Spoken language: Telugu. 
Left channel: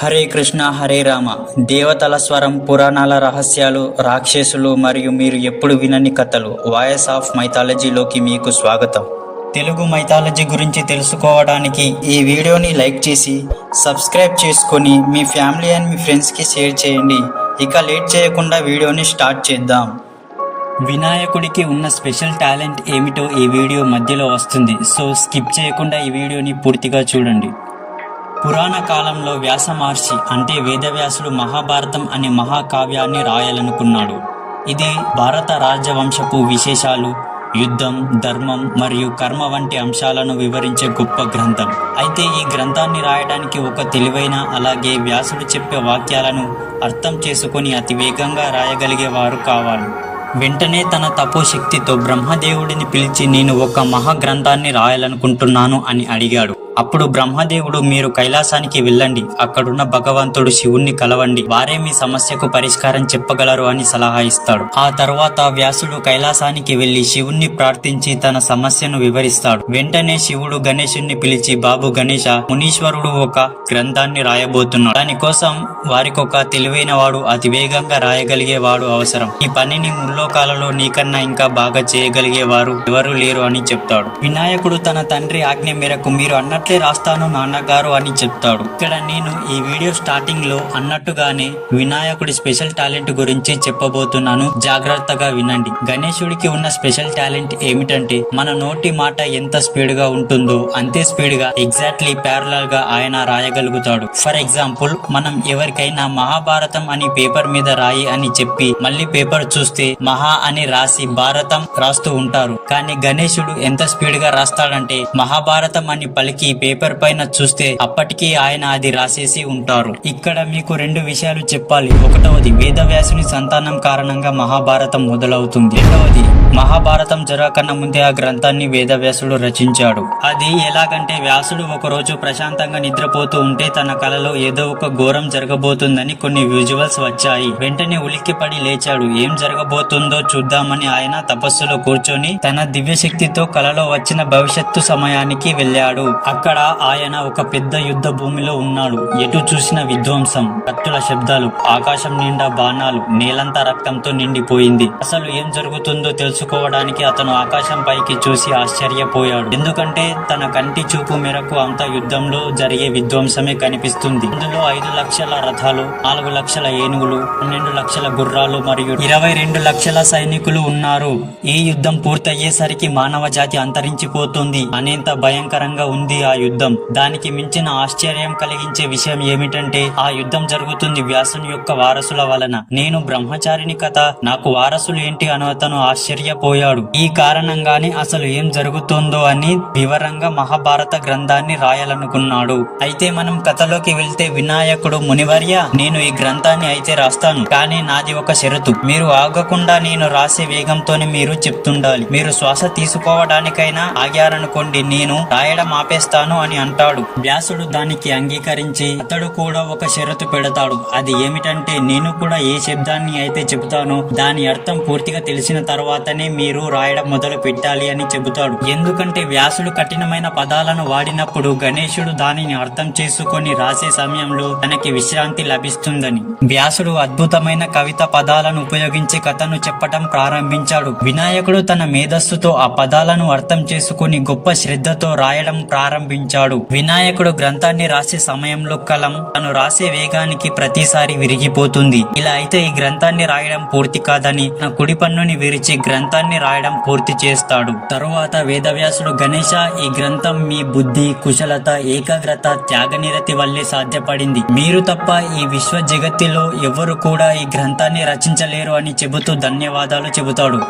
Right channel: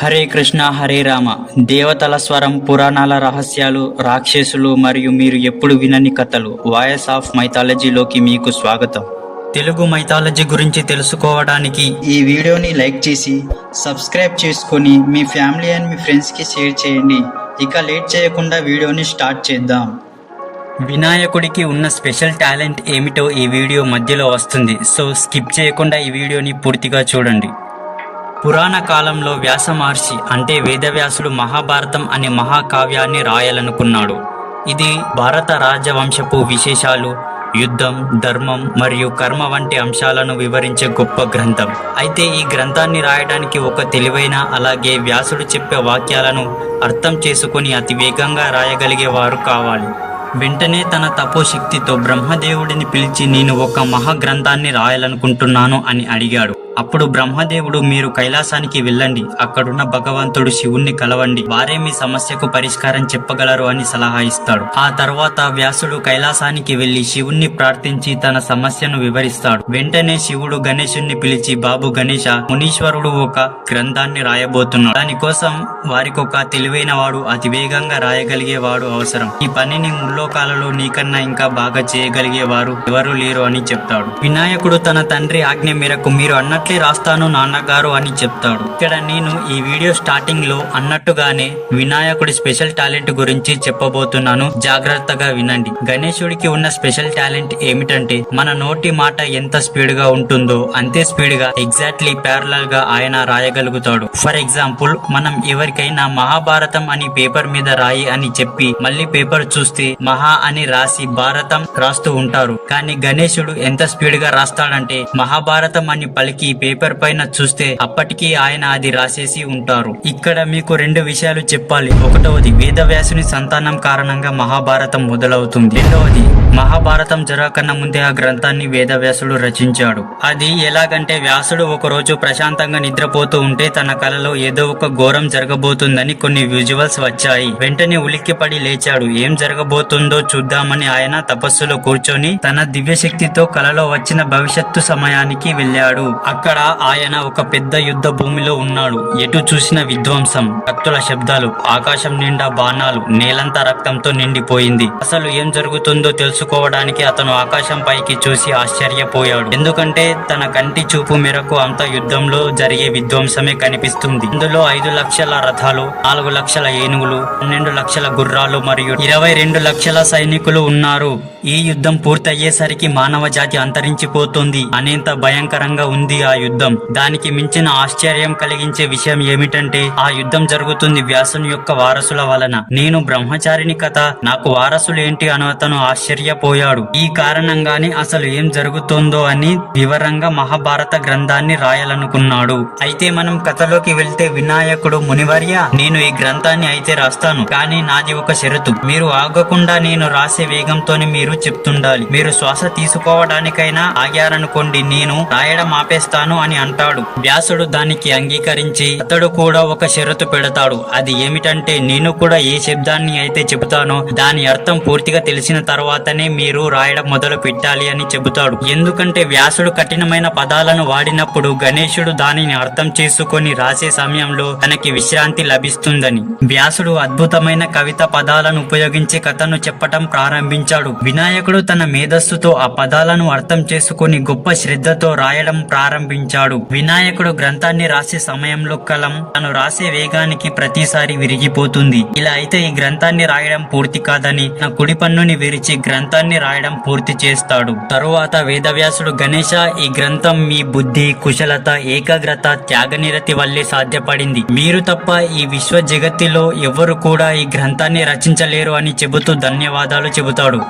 హరే కృష్ణ హరే రామ. దేవతల స్వరం పురాణాల రహస్యాలు రాక్షసులు మరియు మీరు ఎప్పుడు వినని కథలు. వాయస్ ఆఫ్ మైథాలజీలోకి మీకు స్వాగతం. తెలుగు మైథాలజీ గురించి తెలుసుకోవడానికి ఈ వీడియోని లైక్ చేసి సబ్స్క్రైబ్ చేసుకొని మీ ఫ్యామిలీ అండ్ మీ ఫ్రెండ్స్కి షేర్ చేయండి. ఇక లేట్ చేయకుండా వీడియోని స్టార్ట్ చేద్దాం. వినాయకుడికి ఉన్న స్పెషల్ టాలెంట్ ఏమిటో ఈ వీడియో మధ్యలో వస్తుంది. సో స్కిప్ చేయకుండా ఈ వీడియోని పూర్తిగా చూడండి. పురాణ కాలంలో వ్యాస మహర్షి అంటే వేదవ్యాసుడు మహాభారతం అనే మహాకావ్యాన్ని రాయాలనుకున్నాడు. ఇది భారత రాజవంశపు విశేషాలు యుద్ధం ధర్మం మరియు కర్మ వంటి అంశాలను వివరించే గొప్ప గ్రంథం. అయితే ఈ గ్రంథాన్ని రాయడానికి ఒక తెలివైన అలాగే వ్యాసుడు చెప్పే వాక్యాలను అర్థం చేసుకొని అతి వేగంగా రాయగలిగే వారు కావాలి. వెంటనే తన తపోశక్తితో బ్రహ్మదేవుడిని పిలిచి నేను ఒక మహాగ్రంథాన్ని రాయాలనుకుంటున్నాను అని అడిగాడు. అప్పుడు బ్రహ్మదేవుడు మీరు కైలాసానికి వెళ్ళండి. అక్కడున్న భగవంతుడు శివుణ్ణి కలవండి. వారే మీ సమస్యకు పరిష్కారం చెప్పగలరు అని సలహా ఇస్తాడు. ఆ తర్వాత వ్యాసుడు కైలాసానికి వెళ్ళి శివుణ్ణి ప్రార్థించి తన సమస్యను వివరిస్తాడు. వెంటనే శివుడు గణేశుణ్ణి పిలిచి బాబు గణేశ మునీశ్వరుడు ఒక గ్రంథాన్ని రాయబోతున్నాడు. దానికోసం వారికొక తెలివైన వాడు అతి వేగంగా రాయగలిగే వాడు అవసరం. ఈ పనిని ముల్లోకాలలో నీకన్నా ఇంకా బాగా చేయగలిగే వారు ఎవరు లేరు అని చెప్తాడు. వినాయకుడు తన తండ్రి ఆజ్ఞ మేరకు మీరు అన్నట్లే రాస్తాను నాన్నగారు అని చెప్తాడు. ఇక్కడ నేను ఈ వీడియో స్టార్టింగ్లో అన్నట్టుగానే వినాయకుడి స్పెషల్ టాలెంట్ గురించి చెప్పబోతున్నాను. జాగ్రత్తగా వినండి. గణేశుడికి ఉన్న స్పెషల్ టాలెంట్ ఏమిటంటే మన నోటి మాట ఎంత స్పీడ్గా ఉంటుందో అంతే స్పీడ్గా ఎగ్జాక్ట్లీ ప్యారలల్గా ఆయన రాయగలుగుతాడు. ఫర్ ఎగ్జాంపుల్ మనం ఎవరికైనా మహాభారతం అని పేపర్ మీద రాయి అని చెప్పి మళ్ళీ పేపర్ చూస్తే మహా అని రాసి భారతం రాస్తూ ఉంటారు. కానీ గణేశుడు ఎంత స్పీడ్గా రాస్తాడంటే మహాభారతం అని పలికి పేపర్ పైన చూస్తే అప్పటికి ఆయన అది రాసేసి ఉంటారు. ఇక్కడ మీకు రెండు విషయాలు చెప్పాలి. ఒకటవది వేదవ్యాసుని సంతానం కారణంగా మహాభారతం మొదలవుతుంది. రెండవది మహాభారతం జరగకన్నా ముందే ఆ గ్రంథాన్ని వేదవ్యాసుడు రచించాడు. అది ఎలాగంటే వ్యాసుడు ఒక రోజు ప్రశాంతంగా నిద్రపోతూ ఉంటే తన కలలో ఏదో ఒక ఘోరం జరగబోతుందని కొన్ని విజువల్స్ వచ్చాయి. వెంటనే ఉలిక్కిపడి లేచాడు. ఏం జరగబోతుందో చూద్దామని ఆయన తపస్సులో కూర్చొని తన దివ్యశక్తితో కలలో వచ్చిన భవిష్యత్తు సమయానికి వెళ్ళాడు. అక్కడ ఆయన ఒక పెద్ద యుద్ధ భూమిలో ఉన్నాడు. ఎటు చూసిన విధ్వంసం కత్తుల శబ్దాలు ఆకాశం నిండా బాణాలు నేలంతా రక్తంతో నిండిపోయింది. అసలు ఏం జరుగుతుందో తెలుసుకోవడానికి అతను ఆకాశం పైకి చూసి ఆశ్చర్యపోయాడు. ఎందుకంటే తన కంటి చూపు మేరకు అంత యుద్ధంలో జరిగే విధ్వంసమే కనిపిస్తుంది. ఇందులో ఐదు లక్షల రథాలు నాలుగు లక్షల ఏనుగులు పన్నెండు లక్షల గుర్రాలు మరియు ఇరవై రెండు లక్షల సైనికులు ఉన్నారు. ఈ యుద్ధం పూర్తయ్యేసరికి మానవ జాతి అంతరించిపోతుంది. అనేంత భయంకరంగా ఉంది ఆ యుద్ధం. దానికి మించిన ఆశ్చర్యం కలిగించే విషయం ఏమిటంటే ఆ యుద్ధం జరుగుతుంది వ్యాసుని యొక్క వారసుల వలన. నేను బ్రహ్మచారిని కథ నాకు వారసులు ఏంటి అని అతను ఆశ్చర్యపోయాడు. ఈ కారణంగానే అసలు ఏం జరుగుతుందో అని వివరంగా మహాభారత గ్రంథాన్ని రాయాలనుకున్నాడు. అయితే మనం కథలోకి వెళ్తే వినాయకుడు మునివర్య నేను ఈ గ్రంథాన్ని అయితే రాస్తాను కానీ నాది ఒక షరతు. మీరు ఆగకుండా నేను రాసే వేగంతోనే మీరు చెప్తుండాలి. మీరు శ్వాస తీసుకోవడానికైనా ఆగారనుకోండి నేను రాయడం ఆపేస్తాను. అని అంటాడు. వ్యాసుడు దానికి అంగీకరించి అతడు కూడా ఒక షరతు పెడతాడు. అది ఏమిటంటే నేను కూడా ఏ శబ్దాన్ని అయితే చెబుతానో దాని అర్థం పూర్తిగా తెలిసిన తర్వాతనే మీరు రాయడం మొదలు పెట్టాలి అని చెబుతాడు. ఎందుకంటే వ్యాసుడు కఠినమైన పదాలను వాడినప్పుడు గణేశుడు దానిని అర్థం చేసుకొని రాసే సమయంలో తనకి విశ్రాంతి లభిస్తుందని. వ్యాసుడు అద్భుతమైన కవిత పదాలను ఉపయోగించి కథను చెప్పటం ప్రారంభించాడు. వినాయకుడు తన మేధస్సుతో ఆ పదాలను అర్థం చేసుకుని గొప్ప శ్రద్ధతో రాయడం ప్రారంభించాడు. వినాయకుడు గ్రంథాన్ని రాసే సమయంలో కలం తను రాసే వేగానికి ప్రతిసారి విరిగిపోతుంది. ఇలా అయితే ఈ గ్రంథాన్ని రాయడం పూర్తి కాదని తన కుడి పన్నుని విరిచి గ్రంథాన్ని రాయడం పూర్తి చేస్తాడు. తరువాత వేదవ్యాసుడు గణేష ఈ గ్రంథం మీ బుద్ధి కుశలత ఏకాగ్రత త్యాగనిరతి వల్లే సాధ్యపడింది. మీరు తప్ప ఈ విశ్వ జగత్తులో ఎవరు కూడా ఈ గ్రంథాన్ని రచించలేరు అని చెబుతూ ధన్యవాదాలు చెబుతాడు.